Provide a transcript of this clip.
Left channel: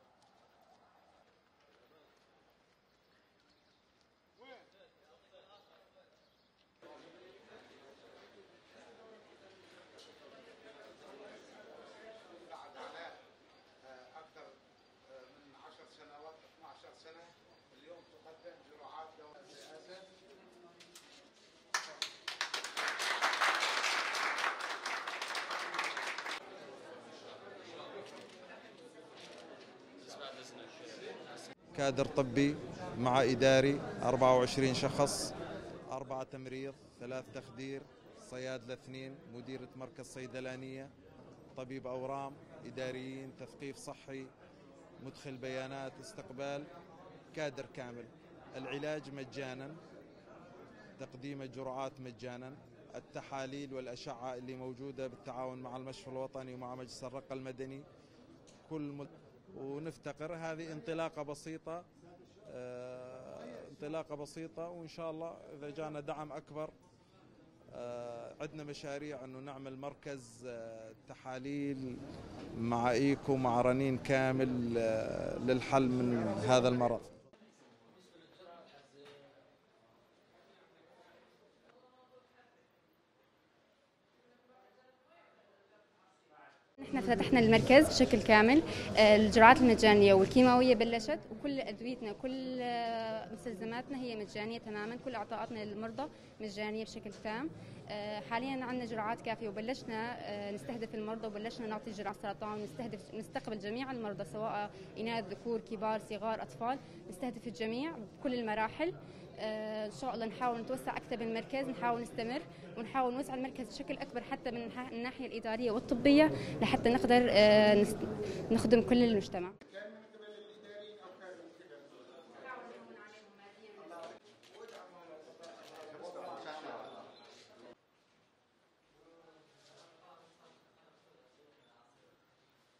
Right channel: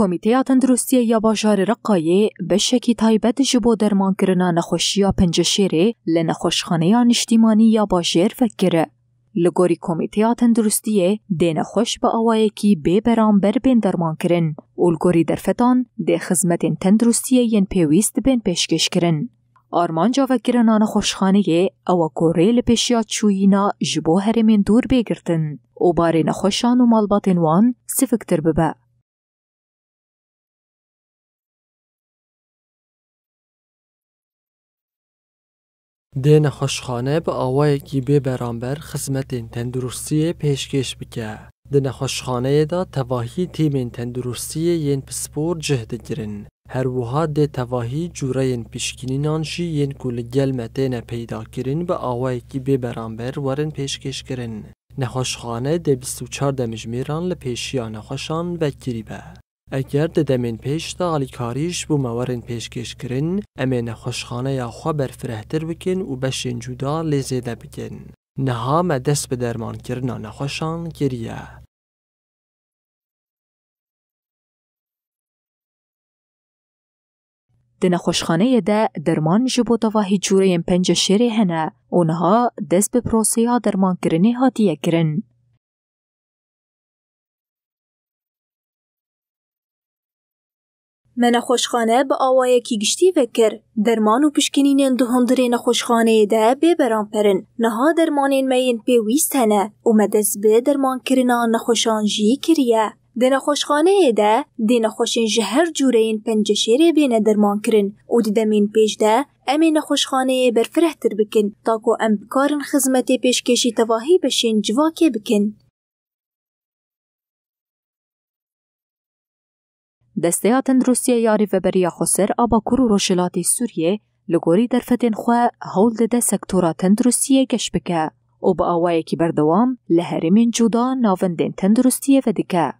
کمیته تندرستی یا باجار رقایه بشکی تایبت جبو درمان کرنا نخوشیا پنجشیره لنخوشخانه نشتیمانی یا باجر فکره. لگوری کمیته تندرستی ده نخوش با آوائکی بے برانبر بین درمان کرن و لگوری درفتان ده خدمت تندرستی ین پیویست بین پیشکش کرن. آرمان جاوکرنا نخوشخانه او کوره لپیشیا چوینا جبو هرمین دور بگرتن و باره نخوشان و مالباتن وان سفکتر ببا. كادر طبي مع إداري 24 شخص. ده نخوشخانه با آوائکی بی برانبر خدمت تندرستی پیشکش بکه. ده نخوشخانه دا تواهی تیم تندرستی ین پسپور جهد گرن. هر وها ده تواهی جوره ین پشکینینانشی ین کل گلمتین پیدا کرن با آوائکی بی برانبر ورن پیشکش کرن. نخوشخانه ده 24 دمجمیران لپیشیا نخوشان بکری به. اگر دمین پیش دا علیکاریش بو موارن پیشکش کرن امین خوشخانه یا خواه برفرهتر بکن و بشین جدا لیزیده بکن. نها مدست به درمان کرنا نخوشان گریه. مع ايكو مع رنين كامل للحل من هذا المرض. ده نخوشخانه ده درمان جبو تواهی جوره پنج شیره هنه اونها دست به پروسیا درمان کرنی هاتیه کرن. احنا فتحنا المركز بشكل كامل. الجرعات المجانيه والكيماويه بلشت. من نخوشخانه با آوائکی گشتی وکر درمان و پشکنین دهندره نخوشخانه ده بی برانپرن نها درمانین مین پیویست هنه و مدست به درمان کرنا نخوشان جی کریه. ده نخوشخانه ده ده نخوشین جهر جوره این پنجشیره بین درمان کرن و ده دمین پیش ده امی نخوشخانه برفرهتر بکن تاکو ام بکارن خدمت پیشکشی تواهی بشین جواکه بکن. لحتى نقدر نخدم كل المجتمع. دسته تندرستی یاری و بریا خسر آباکور و روشلاتی سوریه لگوری درفتن خواه هول ده سکتورا تندرستی گش بکه و با آوائه کی بردوام لهرمین جدا ناوندین تندرستی و دکه.